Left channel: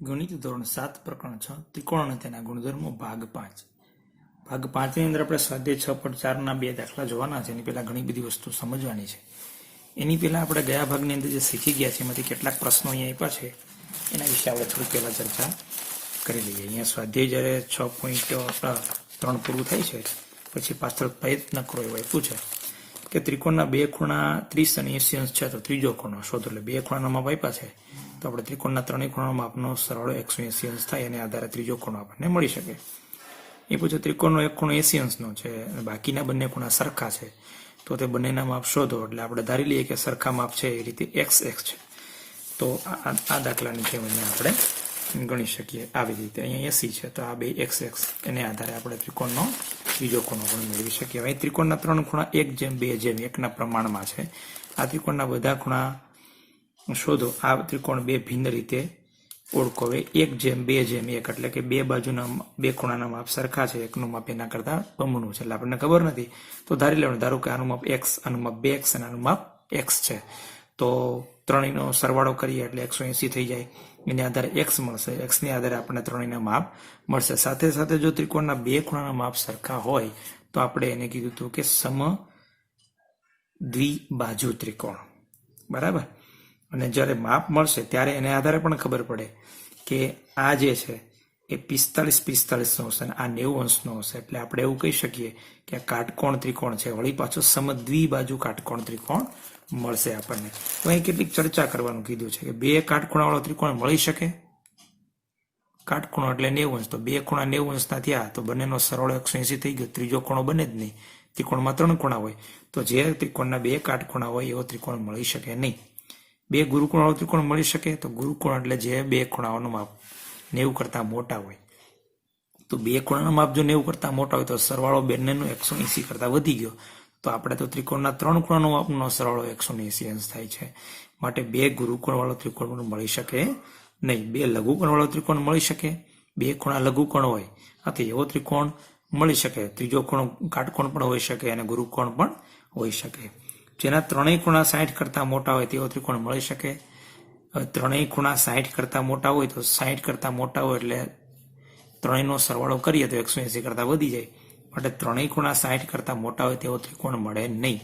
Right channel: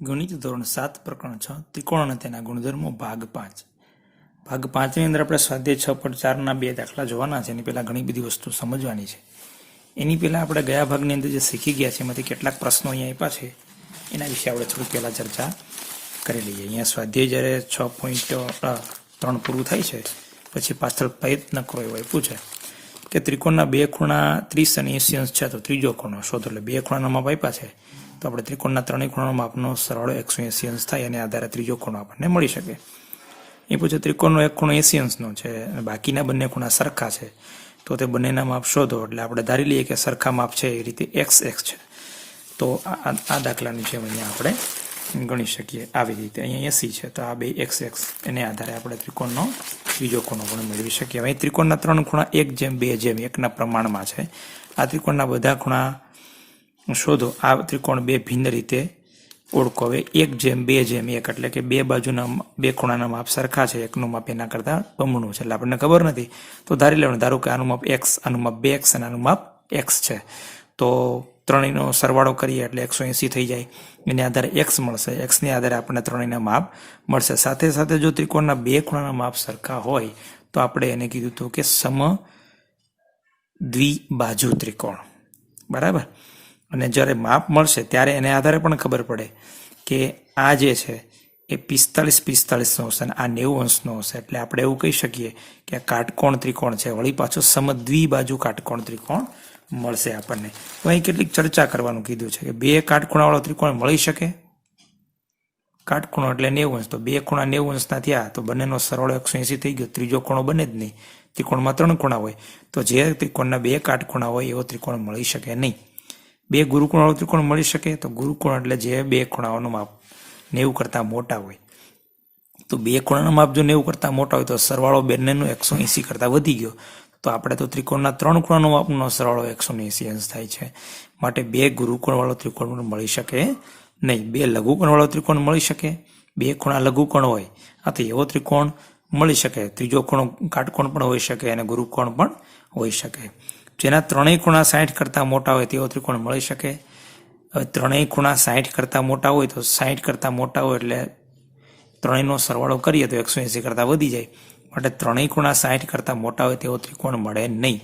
ગણિત ધોરણ 7 પ્રકરણ 6 ત્રિકોણ અને તેના ગુણધર્મો ભાગ 5 ભાગ 5 ની અંદર આપણે સ્વાધ્યાય 6.4 ના બે દાખલા જોવાના છે. એની પહેલા ઘણી બધી વસ્તુ સમજવાની છે. એની પહેલા આપણે ગયા ભાગની અંદર જે શીખી ગયા છે એમાંથી કેટલાક પ્રશ્નો અહીંયા આપ્યા છે એના વિશે આપણે થોડી પહેલા ચર્ચા કરી લઈએ. અહીંયા સ્વાધ્યાય જ્યારે 6.3 પૂરું થાય છે પછી પાછળ પ્રયત્ન કરો એવું આપ્યું છે કે ત્રિકોણના બે ખૂણા 30 અને 80 અંશ છે તો ત્રીજો ખૂણો શોધો. એટલે બે ખૂણાના માપ આપ્યા છે તો આપણે ત્રિકોણના ત્રણેય ખૂણાનો માપનો સરવાળો 180 અંશ થાય અને આધારે ત્રીજો ખૂણો આપણને મળી શકે. એ પછી ત્રિકોણનો એક ખૂણો 80 અંશનો છે અને બાકીના બંને ખૂણા સરખા છે તો તે બંનેના માપ શોધો. એટલે આપણે ધારી લઈએ કે સરખા માપ છે એ રીતે x છે. તો આ દાખલાની જેમ અહીંયા આપણે ગણી શકીએ આવી રીતે. અહીંયા 80 છે તો આ બે x એને આધારે આપણે ત્રિકોણનો ત્રીજો ખૂણો પણ મેળવી શકીએ. અહીં ત્રિકોણના ત્રણ ખૂણા 1:2:1 ના પ્રમાણમાં છે. આ ત્રિકોણના બધા ખૂણા શોધો. આ ત્રિકોણ બે ભિન્ન રીતે ઓળખો. હવે 1:2:1 એટલે કે બે બાજુના બે ખૂણાના માપ સરખા છે, એકનું માપ એના કરતા બમણું છે. એટલે આપણને ખબર નથી તો ધારી લેવાનું, ધારો કે આનું માપ x, આનું માપ 2x અને આનું માપ x છે તો ત્રણેયનો સરવાળો કરીએ એટલે 180 થઈ જાય. એને આધારે x મળશે, xને આધારે આપણને ત્રણેયના માપ મળશે. સાથે સાથે જો ત્રિકોણના બે ખૂણાના માપ સરખા હોય તો આપણે એને કીધું હતું કે સમદ્વિબાજુ ત્રિકોણ, બરાબર. અને જ્યારે માપ મળશે ત્યારે એને આધારે પણ ખબર પડે કે આ જે છે એ 45 અંશ અને આ 90 અંશનો હશે. એટલે આપણે એવું કહી શકીએ કે આ કાટકોણ ત્રિકોણ છે, વળી પાછો સમદ્વિબાજુ કાટકોણ ત્રિકોણ મળશે આપણને. તો અહીં કેટલીક ચર્ચા કરવાનું કીધું છે કે બે કાટખૂણાવાળો ત્રિકોણ મળી શકે. કાટખૂણો એટલે 90 અંશ, તો બે ખૂણા 90 અંશના થયા તો બંનેનો સરવાળો 180 થઈ ગયો, ત્રીજો ખૂણો બને જ નહીં. ત્રિકોણમાં ત્રણ ખૂણા હોય તો જે ત્રિકોણના બે કાટખૂણા હોય એવો ત્રિકોણ મળી શકે નહીં. બે ગુરુકોણવાળો ત્રિકોણ મળી શકે. તો ગુરુકોણ એટલે જે બે ખૂણાઓનું માપ 90 કરતાં મોટા હોય. તો બે ખૂણાનું માપ જો 90 કરતાં મોટા હોય તો સરવાળો બંનેનો 180 કરતાં વધી ગયો. તો આપણે તો ત્રિકોણના ત્રણ ખૂણાનો માપનો સરવાળો 180 અંશ થાય છે. માટે બે ગુરુકોણવાળો ત્રિકોણ પણ મળી શકે નહીં. બે લઘુકોણવાળો ત્રિકોણ મળી શકે. બે ખૂણા લઘુકોણ હોય આથી એવો ત્રિકોણ મળી શકે. ત્રીજો ખૂણો કાટકોણ પણ હોઈ શકે અને ગુરુકોણ પણ હોઈ શકે. જેના ત્રણેય ખૂણા 60 કરતાં મોટા હોય તેવો ત્રિકોણ મળી શકે. હવે ત્રણેય ખૂણા 60 કરતાં મોટા હોય તો 60 કરતાં મોટા હોય એટલે ત્રણેયનો સરવાળો કરીએ તો 180 કરતાં વધી જાય. માટે ત્રણેય ખૂણા 60 કરતાં મોટા હોય તેવો ત્રિકોણ મળે નહીં.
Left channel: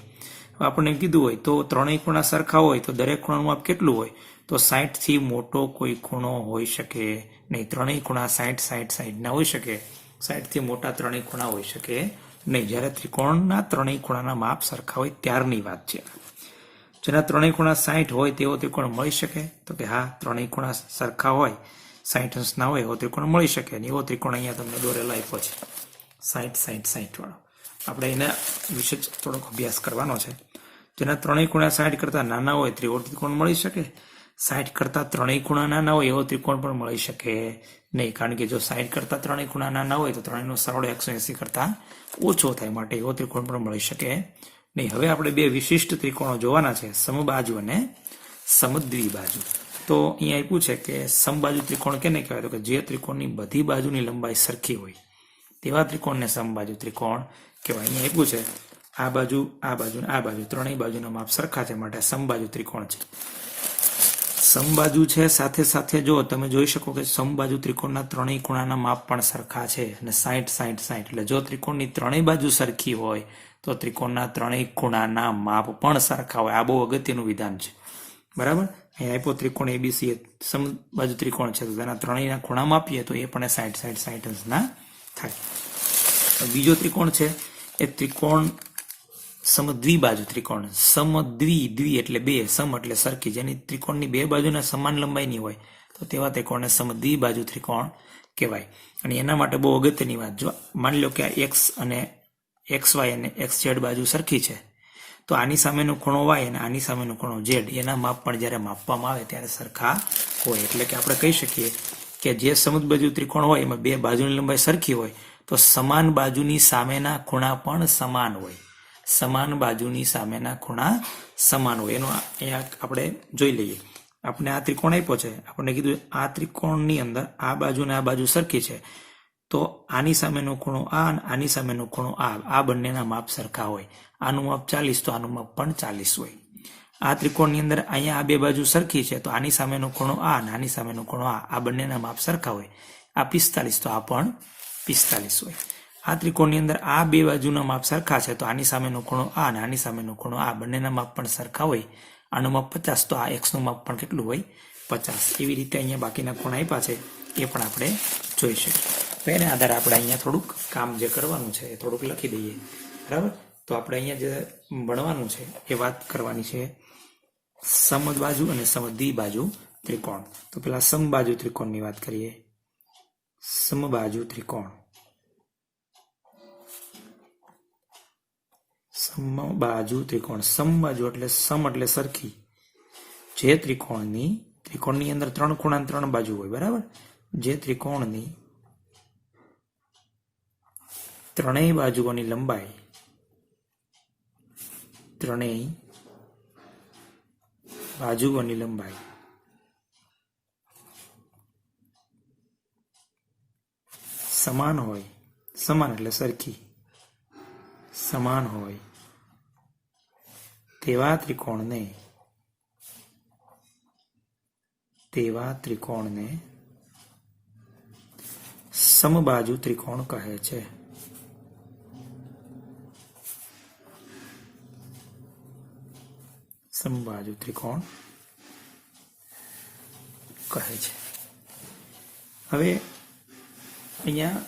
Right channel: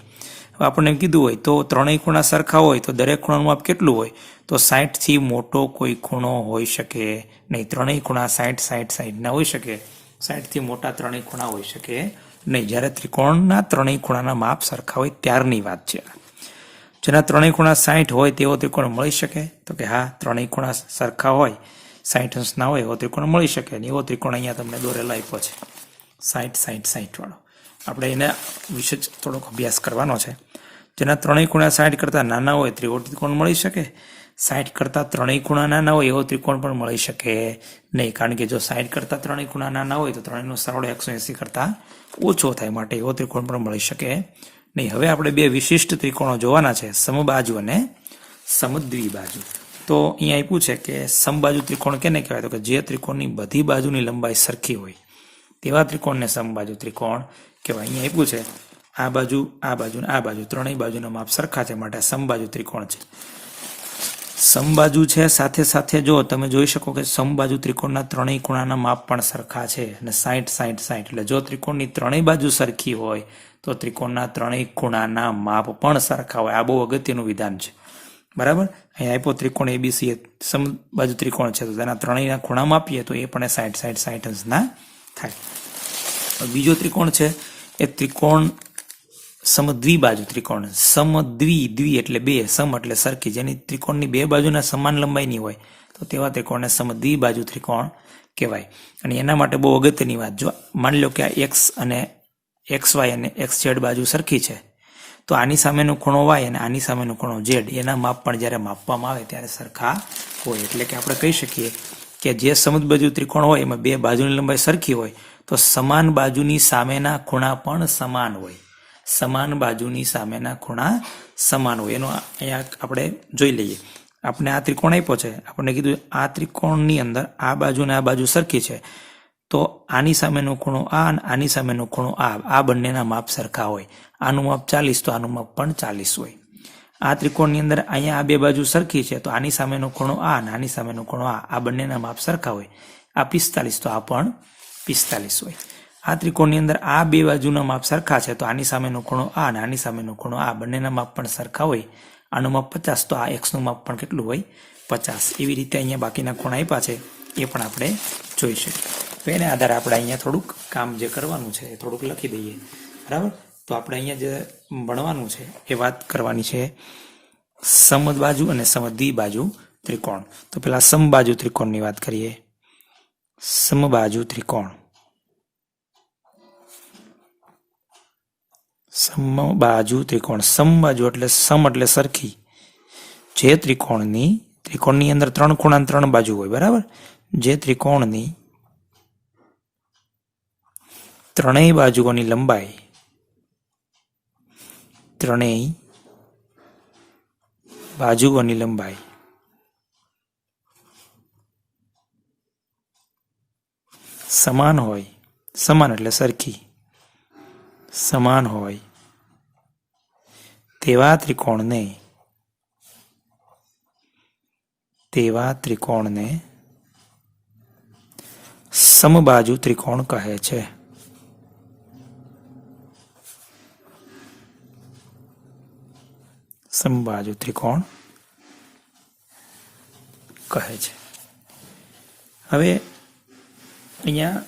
હવે આપણને કીધું હોય તો ત્રણેય ખૂણા સરખા હોય તો દરેક ખૂણાનું માપ કેટલું હોય તો 60 થી મોટો કોઈ ખૂણો હોઈ શકે નહીં. ત્રણેય ખૂણા 60 ના હોઈ શકે. 60 થી મોટા ત્રણેય ખૂણા હોઈ શકે નહીં. જ્યારે ત્રિકોણના ત્રણેય ખૂણાના માપ સરખા હોય ત્યારની વાત છે. જેના ત્રણેય ખૂણા 60 હોય તેવો ત્રિકોણ મળી શકે તો કે હા, ત્રણેય ખૂણા સરખા હોય 60 અંશ ના હોય એવો ત્રિકોણ મળી શકે. એવો ત્રિકોણ અહીંયા તમને દોરેલા આપ્યો છે 60 વાળો. આપણે એના વિશે જ થોડોક અભ્યાસ કરવાનો છે. જેના ત્રણેય ખૂણા 60 કરતાં નાના હોય તેવો ત્રિકોણ મળી શકે. 60 કરતાં ત્રણેય ખૂણા નાના હોય એવો ત્રિકોણ પણ મળી શકે નહીં. કારણ કે જો 60 કરતાં ત્રણેય ખૂણા નાના હોય તો ત્રણેયનો સરવાળો 180 કરતાં ઓછો થાય. માટે એવો ત્રિકોણ પણ મળી શકે નહીં. હવે આપણે બે વિશિષ્ટ ત્રિકોણો જોવાના છે, સમબાજુ અને સમદ્વિબાજુ. તો અહીંયા આપ્યું છે કે સમબાજુ ત્રિકોણ કેને કહેવાય તો કે જે ત્રિકોણની બધી બાજુની લંબાઈ સરખી હોય તેવા ત્રિકોણને સમબાજુ ત્રિકોણ કહેવાય. અહીંયા આપ્યું છે આ બાજુ અને આ બાજુ ત્રણેય બાજુના માપ સરખા છે માટે સમબાજુ ત્રિકોણ છે. સમબાજુ છે સાથે સાથે જો તમે જોઈ શકો કે સમબાજુ ત્રિકોણના ત્રણેય ખૂણાના માપ પણ સરખા છે અને 60 એટલે જો ત્રિકોણની ત્રણેય બાજુ સરખી હોય તો ત્રિકોણના ત્રણેય ખૂણાના માપ પણ સરખા હોય. આ બહુ અગત્યનું વિધાન છે, બરાબર. અહીંયા આપ્યો ત્રિકોણ ABC સમબાજુ ત્રિકોણ છે તો તેના ત્રણેયના ખૂણા માપીએ તો એ પણ 60 અંશના થાય. બીજો ત્રિકોણ છે એ ત્રિકોણ સમદ્વિબાજુ ત્રિકોણ. સમદ્વિ એટલે બે, સમ એટલે સરખી, જેની ત્રિકોણની બે બાજુના સમાન લંબાઈની હોય તો તેવા ત્રિકોણને સમદ્વિબાજુ ત્રિકોણ કહેવાય. અને એના માટે બહુ અગત્યની વાત, જો માની લો કે આ x અને xy અને xz બાજુ સરખી છે તો આની સામેનો ખૂણો y અને આની સામેનો ખૂણો z એના માપ પણ જ્યારે માપવામાં આવે ત્યારે સરખા હોય. એટલે કે આપણે કહી શકીએ કે જે સમદ્વિબાજુ ત્રિકોણ હોય એમાં બે બાજુની લંબાઈ સરખી હોય તો સમાન બાજુની સામેના ખૂણા પણ સમાન હોય. સમાન બાજુની સામેના ખૂણા સમાન હોય. એનો અહીંયા આપણે જોઈ લઈએ. આપણે આ ત્રિકોણ આપ્યો છે, આપણને કીધું આ ત્રિકોણની અંદર આ બાજુ ને આ બાજુ સરખી છે તો આની સામેનો ખૂણો આ અને આની સામેનો ખૂણો આ બંનેના માપ સરખા હોય. આનું માપ 40 તો આનું માપ પણ 40 હોય. આ ત્રિકોણની અંદર અહીંયા આ બે બાજુ સરખી છે, તો આની સામેનો ખૂણો આ અને આની સામેનો ખૂણો આ બંનેના માપ સરખા હોય. આ 45, તો આ પણ 45 હોય. આ ત્રિકોણની અંદર આ બે બાજુના માપ સરખા છે, તો આની સામેનો ખૂણો આ અને આની સામેનો ખૂણો આ બંનેના માપ પણ સરખા હોય. આનું માપ 50, તો આ એક્સનું માપ પણ કેટલું હોય? 50. એવી રીતે અહીંયા બાકીના ખૂણા આપ્યા છે એ પણ આપણે જોઈ શકીએ. તો એને આધારે આપણે અહીંયા થોડુંક કામ જે કરવાનું છે એ થોડુંક લખી દઈએ. બરાબર. તો આપણે અહીંયા જે ભણવાનું છે એ વાત કરવાની છે સમબાજુ અને સમદ્વિબાજુ ત્રિકોણ. તો પેલા સમબાજુ ત્રિકોણની વાત કરીએ. સમબાજુ ત્રિકોણ. સમબાજુ ત્રિકોણ. સમબાજુ એટલે સમ એટલે સરખી. જે ત્રિકોણની અંદર 3 ખૂણા 3 બાજુ હોય. બરાબર. જે ત્રિકોણની ત્રણેય બાજુઓની લંબાઈ સમાન હોય. સમાન એટલે સરખી. સમાન હોય તેવા ત્રિકોણને સમબાજુ ત્રિકોણ કહે છે. સમબાજુ ત્રિકોણ કહે છે. હવે અહીંયા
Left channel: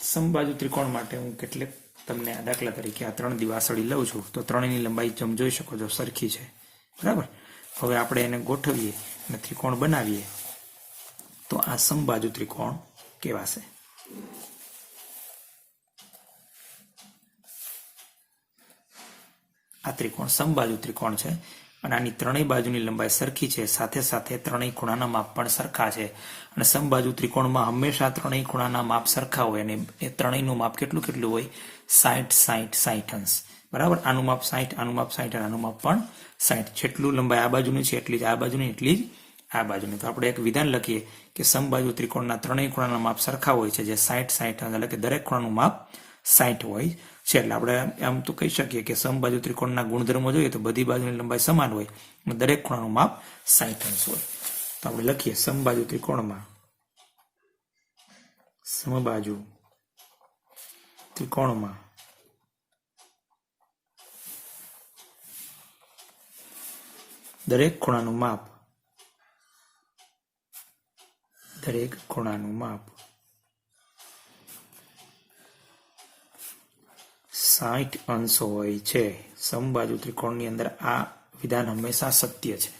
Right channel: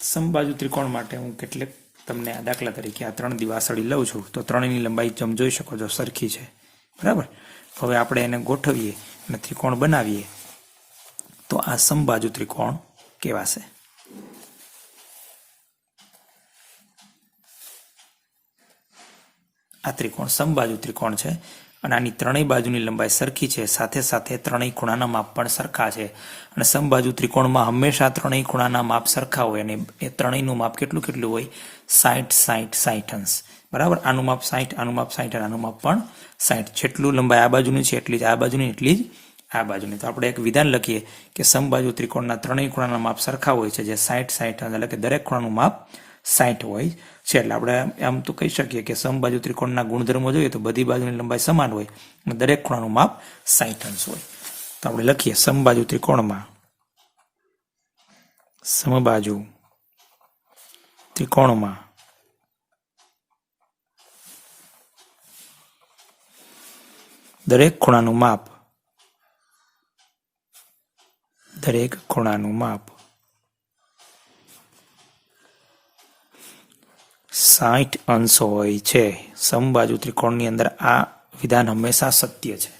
સમબાજુ ત્રિકોણ માટે હું કેટલીક તમને દાખલા તરીકે આ 3 દિવાસળી લઉં છું, તો ત્રણેયની લંબાઈ તમે જોઈ શકો છો સરખી છે. બરાબર. હવે આપણે એને ગોઠવીએ અને ત્રિકોણ બનાવીએ તો આ સમબાજુ ત્રિકોણ કહેવાશે. આ ત્રિકોણ સમબાજુ ત્રિકોણ છે અને આની ત્રણેય બાજુની લંબાઈ સરખી છે. સાથે સાથે ત્રણેય ખૂણાના માપ પણ સરખા છે. અને સમબાજુ ત્રિકોણમાં હંમેશા ત્રણેય ખૂણાના માપ સરખા હોય અને એ ત્રણેયનું માપ કેટલું હોય? 60 અંશ. બરાબર. આનું માપ 60, આનું માપ 60 અને આનું માપ પણ 60. જેટલું લંબાઈ આ બાજુની છે એટલી જ આ બાજુની, એટલી જ આ બાજુની. તો આપણે એક વિધાન લખીએ કે સમબાજુ ત્રિકોણના ત્રણેય ખૂણાના માપ સરખા હોય છે, જે 60 એટલે કે દરેક ખૂણાનું માપ 60 હોય છે. એટલે આપણે આમ તો કહી શકીએ કે સમબાજુ ત્રિકોણના ગુણધર્મો જોઈએ તો બધી બાજુની લંબાઈ સમાન હોય અને દરેક ખૂણાનું માપ 60 અંશ હોય. તો આપણે લખીએ સમબાજુ ત્રિકોણમાં દરેક ખૂણાનું માપ 60 અંશ હોય છે. સમબાજુ ત્રિકોણની અંદર આ વિધાન હંમેશા સત્ય છે.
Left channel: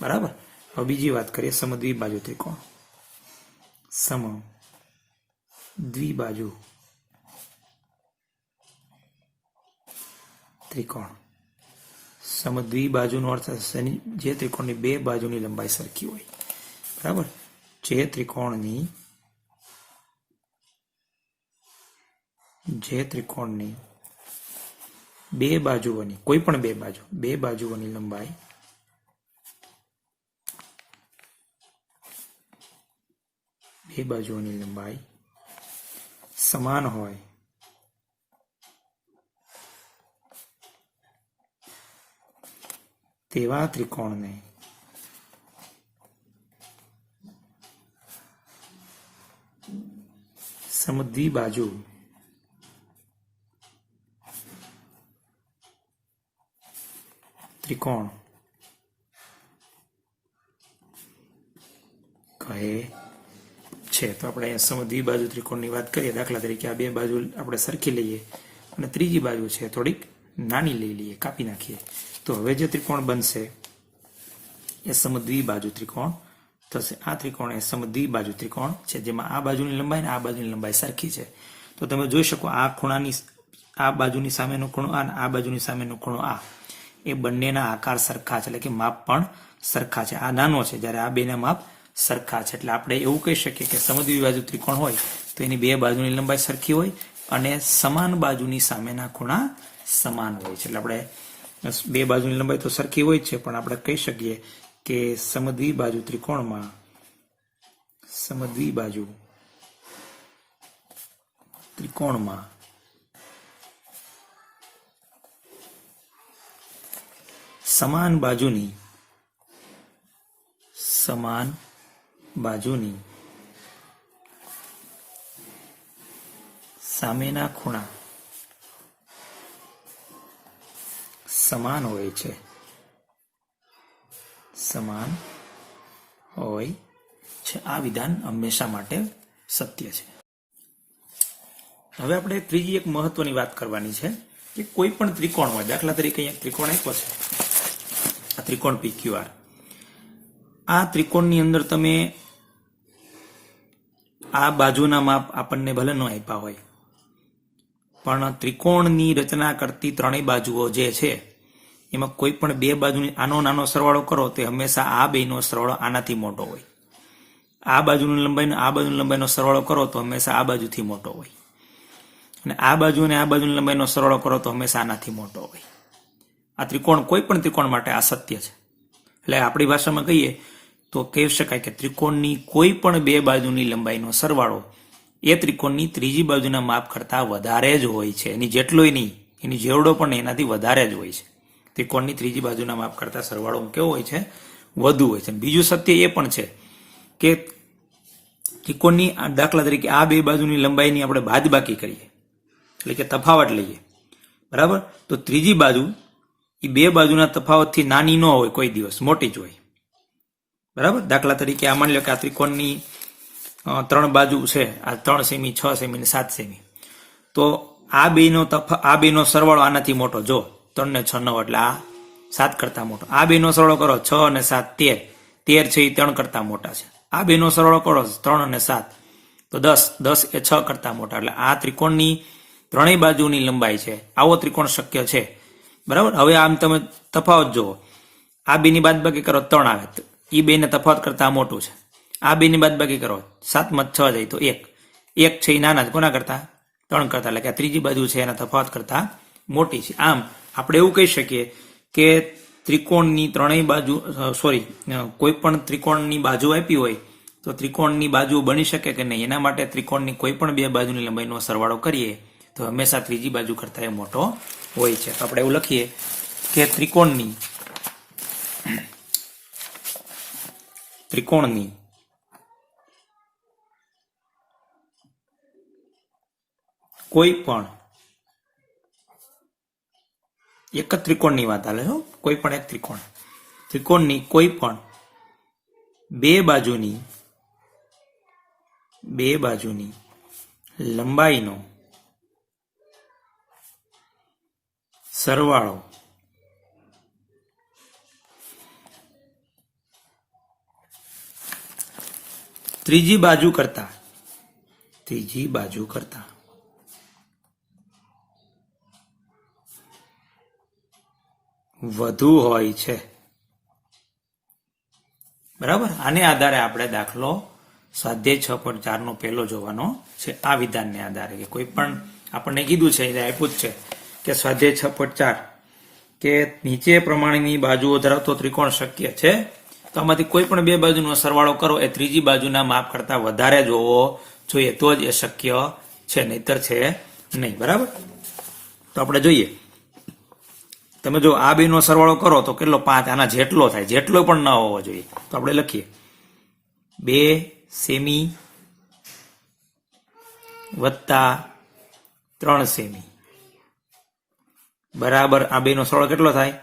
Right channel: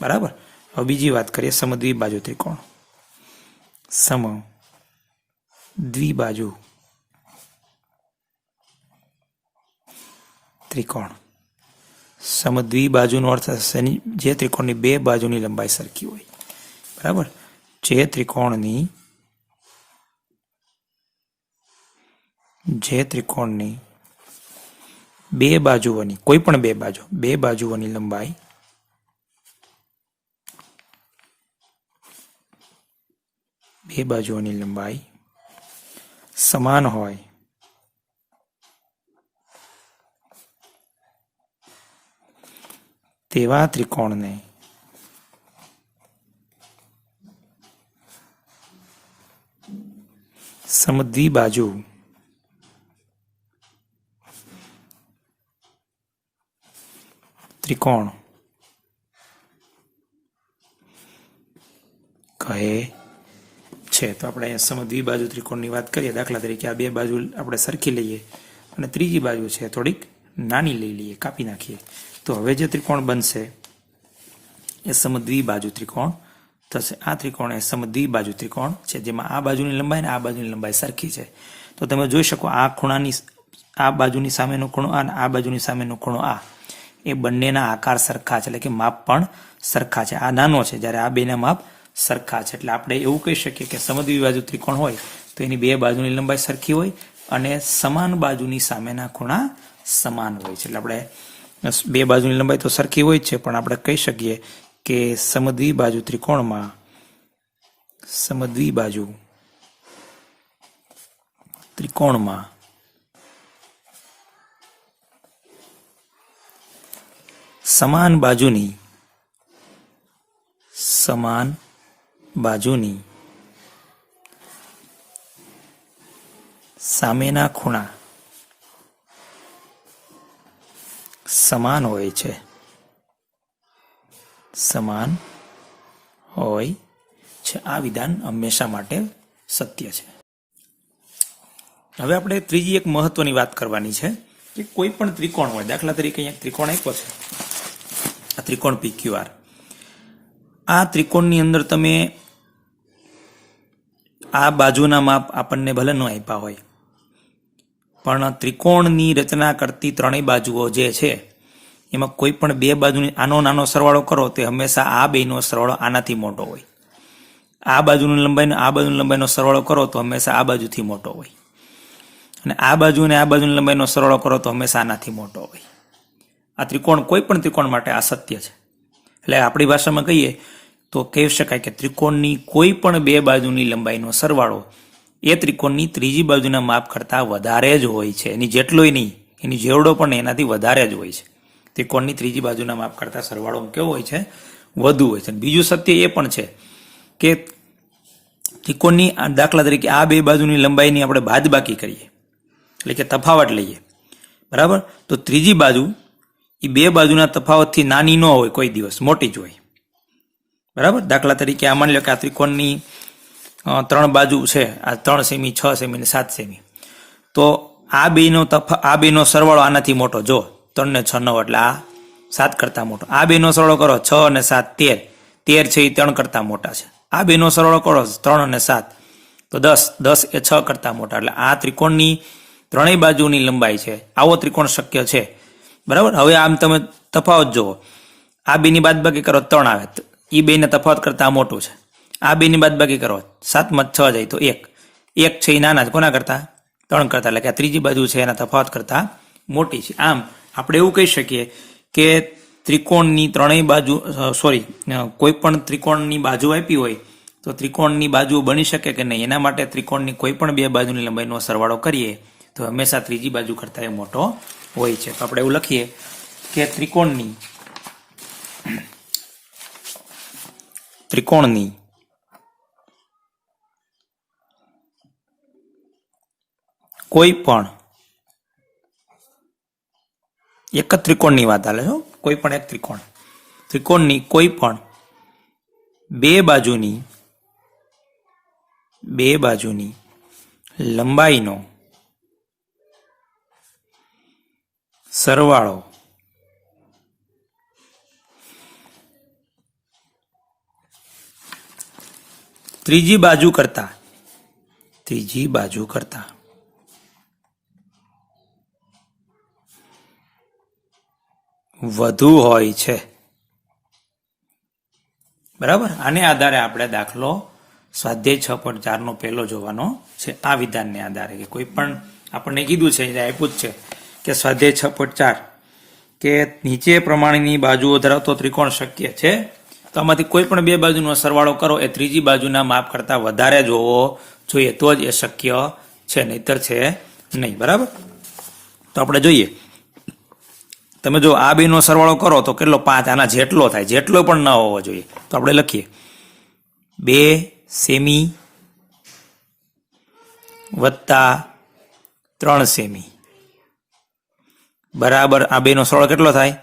બરાબર. હવે બીજી વાત કરીએ સમદ્વિબાજુ ત્રિકોણ. સમદ્વિબાજુ ત્રિકોણ. સમદ્વિબાજુનો અર્થ થશે જે ત્રિકોણની બે બાજુની લંબાઈ સરખી હોય. બરાબર. જે ત્રિકોણની બે બાજુઓની કોઈ પણ બે બાજુઓની લંબાઈ સમાન હોય તેવા ત્રિકોણને સમદ્વિબાજુ ત્રિકોણ કહે છે. તો આપણે સમદ્વિબાજુ ત્રિકોણની વાત કરીએ. દાખલા તરીકે આ બે બાજુ આપણે સરખી લઈએ અને ત્રીજી બાજુ છે થોડીક નાની લઈ લઈએ, કાપી નાખીએ. તો હવે જે ત્રિકોણ બનશે એ સમદ્વિબાજુ ત્રિકોણ થશે. આ ત્રિકોણ એ સમદ્વિબાજુ ત્રિકોણ છે જેમાં આ બાજુની લંબાઈ અને આ બાજુની લંબાઈ સરખી છે. તો તમે જોઈ શકો આ ખૂણાની આ બાજુની સામેનો ખૂણો આ અને આ બાજુની સામેનો ખૂણો આ એ બંનેના આકાર સરખા છે, એટલે કે માપ પણ સરખા છે. આ નાનો છે જ્યારે આ બેના માપ સરખા છે. એટલે આપણે એવું કહી શકીએ કે સમદ્વિબાજુ ત્રિકોણ હોય તો એની બે બાજુની લંબાઈ સરખી હોય અને સમાન બાજુની સામેના ખૂણા સમાન હોય છે. એટલે આપણે બે બાજુની લંબાઈ તો સરખી હોય જ છે, પણ આપણે કહી શકીએ કે સમદ્વિબાજુ ત્રિકોણમાં સમાન બાજુની સામેના ખૂણા સમાન હોય છે. આ વિધાન હંમેશા માટે સત્ય છે. હવે આપણે ત્રીજી એક મહત્વની વાત કરવાની છે કે કોઈ પણ ત્રિકોણ હોય, દાખલા તરીકે અહીંયા ત્રિકોણ આપ્યો છે, આ ત્રિકોણ PQR. આ ત્રિકોણની અંદર તમે આ બાજુના માપ આપણને ભલે ન આપ્યા હોય, પણ ત્રિકોણની રચના કરતી ત્રણેય બાજુઓ જે છે એમાં કોઈ પણ બે બાજુની આનો નાનો સરવાળો કરો તે હંમેશા આ બેનો સરવાળો આનાથી મોટો હોય. આ બાજુની લંબાઈનો આ બાજુની લંબાઈનો સરવાળો કરો તો હંમેશા આ બાજુથી મોટો હોય, અને આ બાજુ અને આ બાજુની લંબાઈનો સરવાળો કરો તો હંમેશા આનાથી મોટો હોય. આ ત્રિકોણ કોઈ પણ ત્રિકોણ માટે આ સત્ય છે. એટલે આપણી ભાષામાં કહીએ તો કહી શકાય કે ત્રિકોણની કોઈ પણ બે બાજુની લંબાઈનો સરવાળો એ ત્રિકોણની ત્રીજી બાજુના માપ કરતાં વધારે જ હોય છે. એની જેટલોય નહીં, એની જેવડો પણ એનાથી વધારે જ હોય છે. ત્રિકોણની ત્રીજી બાજુના માપ કરતાં સરવાળો કેવો હોય છે? વધુ હોય છે. બીજું સત્ય એ પણ છે કે ત્રિકોણની દાખલા તરીકે આ બે બાજુની લંબાઈની આપણે બાદબાકી કરીએ, એટલે કે તફાવત લઈએ, બરાબર, તો ત્રીજી બાજુ એ બે બાજુના તફાવતથી નાની ન હોય, કોઈ દિવસ મોટી જ હોય, બરાબર. દાખલા તરીકે આ માની લો કે આ ત્રિકોણની ત્રણ બાજુ છે, આ 3 સેમી, 6 સેમી અને 7 સેમી, તો આ બેનો સરવાળો આનાથી મોટો, જો 3 ને 6 9 એટલે આ 7 કરતા મોટો. આ બેનો સરવાળો કરો 6 અને 7 13 છે એ 3 કરતા મોટા છે. આ બેનો સરવાળો કરો 3 અને 7 તો 10 એ 6 કરતા મોટા. એટલે આ ત્રિકોણની ત્રણેય બાજુની લંબાઈ છે. આવો ત્રિકોણ શક્ય છે, બરાબર. હવે આમ તમે તફાવત જુઓ, આ બેની બાદબાકી કરો 3 આવે, એ બેને તફાવત કરતા મોટું છે. આ બેની બાદબાકી કરો 7 માં 6 જાય તો 1 છે એ નાના છે, કોના કરતા? 3 કરતા. એટલે કે આ ત્રીજી બાજુ છે એના તફાવત કરતા મોટી છે. આમ આપણે એવું કહી શકીએ કે ત્રિકોણની ત્રણેય બાજુ કોઈ પણ ત્રિકોણની બાજુ આપી હોય તો ત્રિકોણની બાજુ બની શકે કે નહીં, એના માટે ત્રિકોણની કોઈ પણ બે બાજુની લંબાઈનો સરવાળો કરીએ તો હંમેશા ત્રીજી બાજુ કરતાં એ મોટો હોય છે. તો આપણે એવું લખીએ કે ત્રિકોણની કોઈ પણ એક જ ત્રિકોણની વાત હાલે છો, કોઈ પણ એક ત્રિકોણની કોઈ પણ બે બાજુની લંબાઈનો સરવાળો ત્રીજી બાજુ કરતા વધુ હોય છે, બરાબર. આને આધારે આપણે દાખલો સ્વાધ્યાય 6.4 નો પહેલો જોવાનો છે. આ વિધાનને આધારે કે કોઈ પણ આપણને કીધું છે, આપ્યું જ છે કે સ્વાધ્યાય 6.4 કે નીચે પ્રમાણેની બાજુઓ ધરાવતો ત્રિકોણ શક્ય છે, તો આમાંથી કોઈ પણ બે બાજુનો સરવાળો કરો એ ત્રીજી બાજુના માપ કરતા વધારે જ હોવો જોઈએ, તો જ એ શક્ય છે, નહીતર છે નહીં, બરાબર. તો આપણે જોઈએ, તમે જો આ બેનો સરવાળો કરો તો કેટલો? 5. આના જેટલો થાય, જેટલો પણ ન હોવો જોઈએ. તો આપણે લખીએ 2 સેમી વત્તા 3 સેમી બરાબર આ બેનો સરવાળો કેટલો થાય?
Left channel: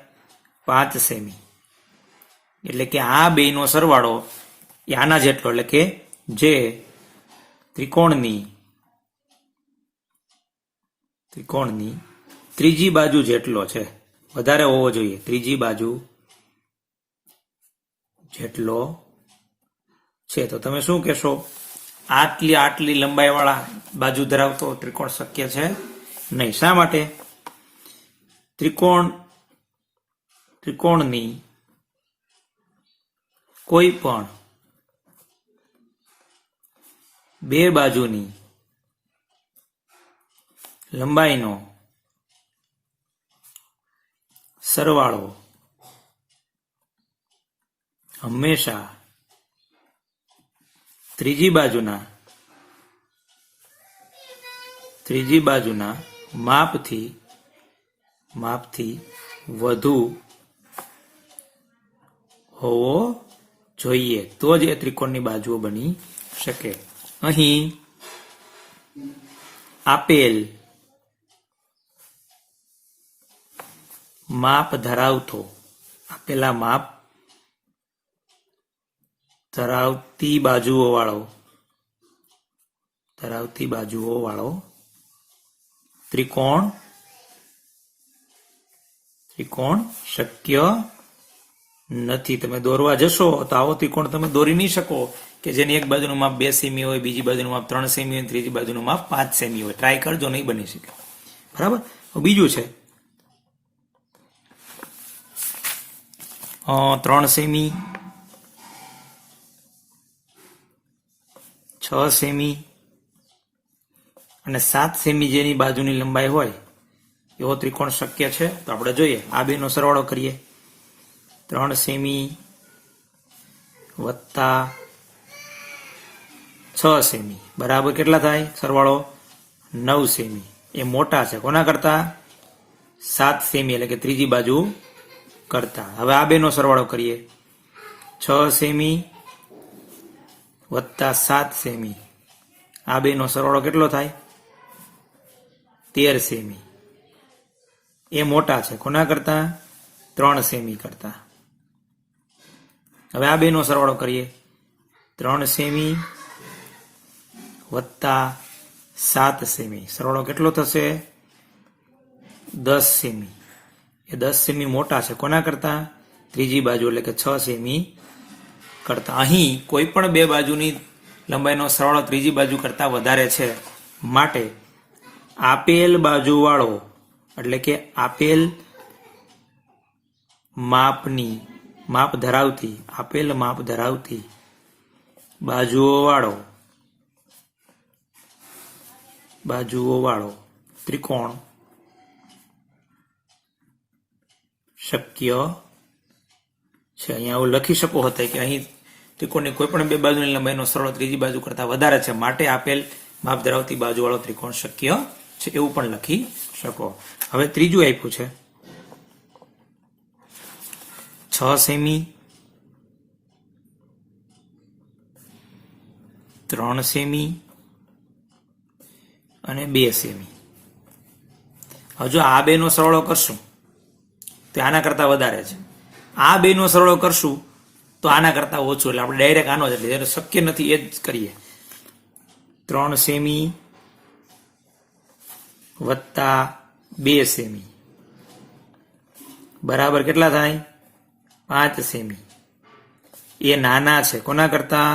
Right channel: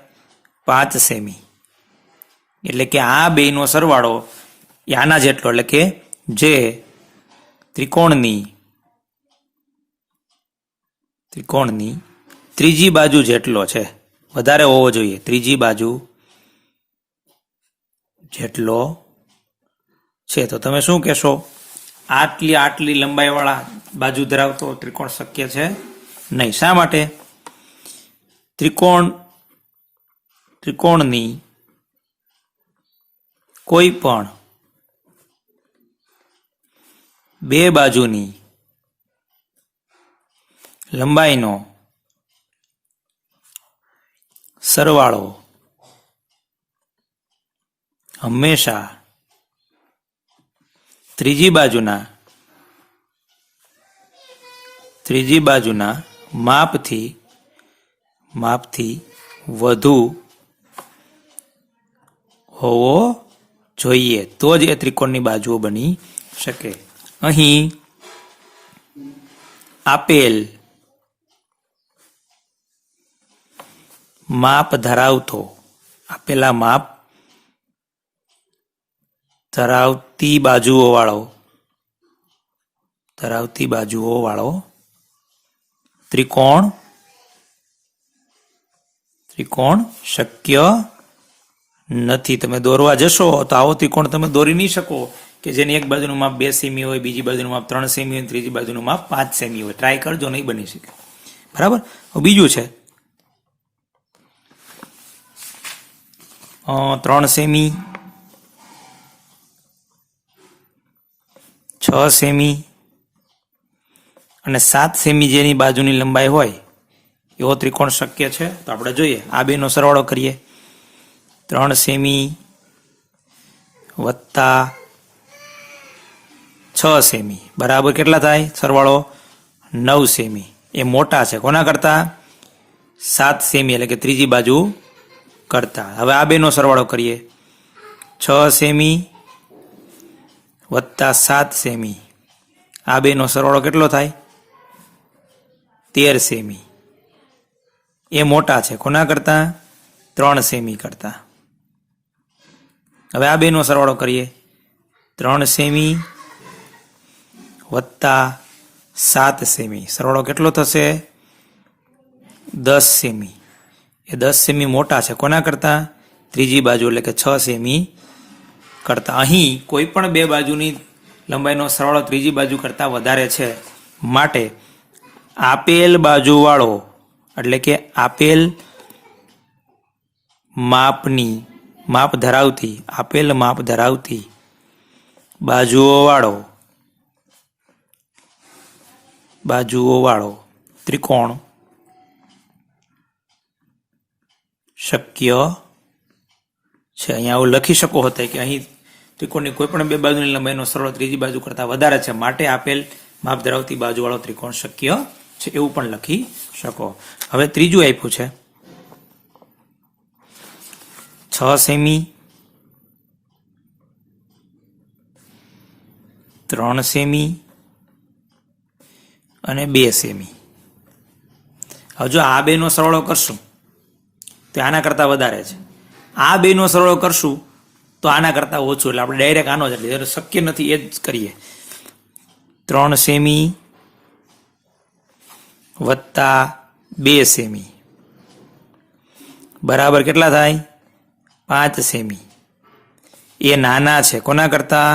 5 સેમી. એટલે કે આ બેનો સરવાળો એ આના જેટલો, એટલે કે જે ત્રિકોણની ત્રીજી બાજુ જેટલો છે, વધારે હોવો જોઈએ, ત્રીજી બાજુ જેટલો છે. તો તમે શું કહેશો? આટલી લંબાઈવાળા બાજુ ધરાવતો ત્રિકોણ શક્ય છે નહીં. શા માટે? ત્રિકોણની કોઈ પણ બે બાજુની લંબાઈનો સરવાળો હંમેશા ત્રીજી બાજુના માપથી વધુ હોવો જોઈએ, તો જ એ ત્રિકોણની બાજુઓ બની શકે. અહીં આપેલ માપ ધરાવતો, આપેલા માપ ધરાવતી બાજુઓ વાળો ત્રિકોણ શક્ય નથી. તમે દોરવા જશો તો આવો ત્રિકોણ તમે દોરી નહીં શકો કે જેની એક બાજુનું માપ 2 સેમી હોય, બીજી બાજુનું માપ 3 સેમી હોય, ત્રીજી બાજુનું માપ 5 સેમી હોય. ટ્રાય કરજો, નહીં બની શકે. બરાબર. બીજું છે 3 સેમી, 6 સેમી અને 7 સેમી જેની બાજુની લંબાઈ હોય એવો ત્રિકોણ શક્ય છે. તો આપણે જોઈએ, આ બેનો સરવાળો કરીએ. 3 સેમી વત્તા 6 સેમી બરાબર કેટલા થાય? સરવાળો 9 સેમી. એ મોટા છે કોના કરતા? 7 સેમી એટલે કે ત્રીજી બાજુ કરતા. હવે આ બેનો સરવાળો કરીએ. 6 સેમી વત્તા 7 સેમી, આ બેનો સરવાળો કેટલો થાય? 13 સેમી. એ મોટા છે કોના કરતા? 3 સેમી કરતા. હવે આ બેનો સરવાળો કરીએ. 3 સેમી વત્તા 7 સેમી, સરવાળો કેટલો થશે? 10 સેમી. એ 10 સેમી મોટા છે કોના કરતા? ત્રીજી બાજુ એટલે કે 6 સેમી કરતા. અહીં કોઈ પણ બે બાજુની લંબાઈનો સરવાળો ત્રીજી બાજુ કરતા વધારે છે, માટે આપેલ બાજુવાળો એટલે કે આપેલ માપ ધરાવતી બાજુઓ ત્રિકોણ શક્ય છે. અહીંયા આવું લખી શકો હતો કે અહીં ત્રિકોણની કોઈ પણ બે બાજુની લંબાઈનો સરવાળો ત્રીજી બાજુ કરતા વધારે છે, માટે આપેલ માપ ધરાવતી બાજુવાળો ત્રિકોણ શક્ય છે, એવું પણ લખી શકો. હવે ત્રીજું આપ્યું છે 6 સેમી, 3 સેમી અને 2 સેમી. હવે જો આ બેનો સરવાળો કરશું તો આના કરતા વધારે છે, આ બેનો સરવાળો કરશું તો આના કરતા ઓછું, એટલે આપણે ડાયરેક્ટ આનો જ એટલે શક્ય નથી એ જ કરીએ. 3 સેમી વત્તા 2 સેમી બરાબર કેટલા થાય? 5 સેમી. એ નાના છે કોના કરતા?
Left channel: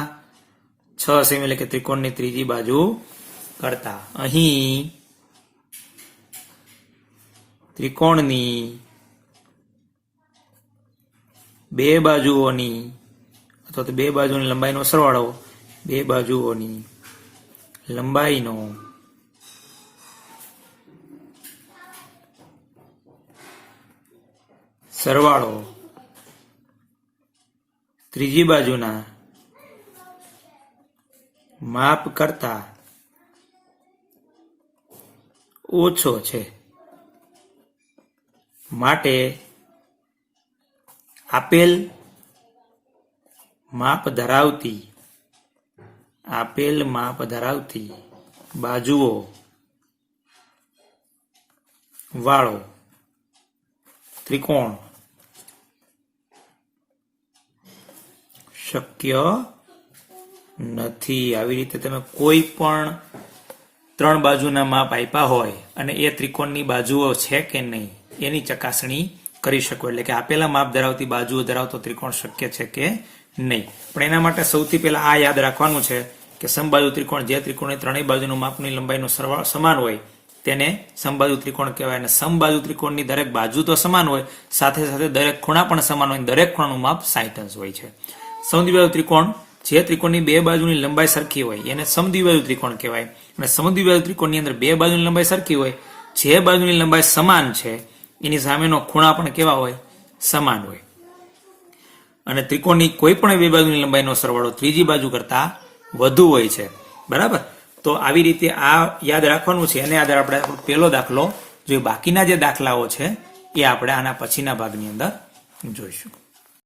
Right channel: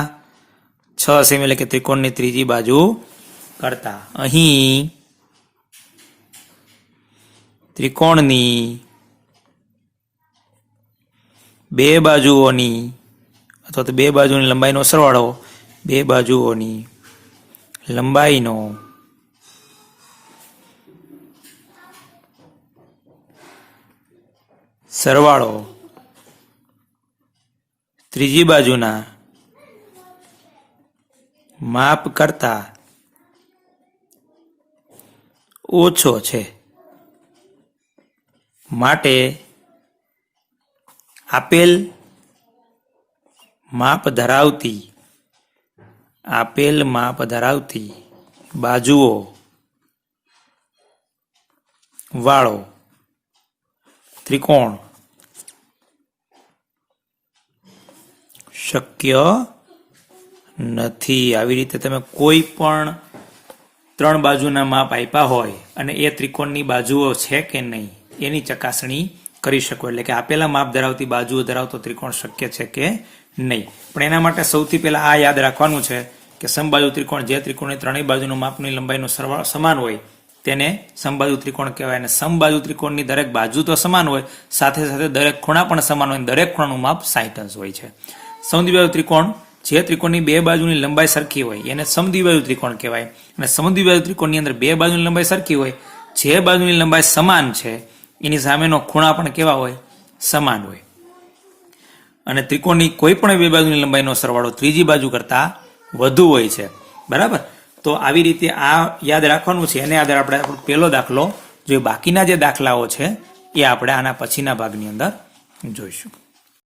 6 સેમી એટલે કે ત્રિકોણની ત્રીજી બાજુ કરતા. અહીં ત્રિકોણની બે બાજુઓની અથવા તો બે બાજુની લંબાઈનો સરવાળો, બે બાજુઓની લંબાઈનો સરવાળો ત્રીજી બાજુના માપ કરતા ઓછો છે, માટે આપેલ માપ ધરાવતી બાજુઓ વાળો ત્રિકોણ શક્ય નથી. આવી રીતે તમે કોઈ પણ 3 બાજુના માપ આપ્યા હોય અને એ ત્રિકોણની બાજુઓ છે કે નહીં એની ચકાસણી કરી શકો, એટલે કે આપેલા માપ ધરાવતી બાજુઓ ધરાવતો ત્રિકોણ શક્ય છે કે નહીં. પણ એના માટે સૌથી પહેલા આ યાદ રાખવાનું છે કે સમબાજુ ત્રિકોણ, જે ત્રિકોણની ત્રણેય બાજુનું માપની લંબાઈનો સરવાળો સમાન હોય તેને સમબાજુ ત્રિકોણ કહેવાય. અને સમબાજુ ત્રિકોણની દરેક બાજુ તો સમાન હોય, સાથે સાથે દરેક ખૂણા પણ સમાન હોય, દરેક ખૂણાનું માપ 60 જ હોય છે. સમદ્વિબાજુ ત્રિકોણ, જે ત્રિકોણની બે બાજુની લંબાઈ સરખી હોય એને સમદ્વિબાજુ ત્રિકોણ કહેવાય. અને સમદ્વિબાજુ ત્રિકોણની અંદર બે બાજુની લંબાઈ સરખી હોય, જે બાજુની લંબાઈ સમાન છે એની સામેનો ખૂણા પણ કેવા હોય? સમાન હોય. અને ત્રિકોણની કોઈ પણ બે બાજુની લંબાઈનો સરવાળો ત્રીજી બાજુ કરતા વધુ હોય છે. બરાબર. તો આવી રીતે આ યાદ રાખવાનું છે. એને આધારે આપણે પહેલો દાખલો, જે બાકીના જે દાખલાઓ છે એ આપણે આના પછીના ભાગની અંદર જોઈશું.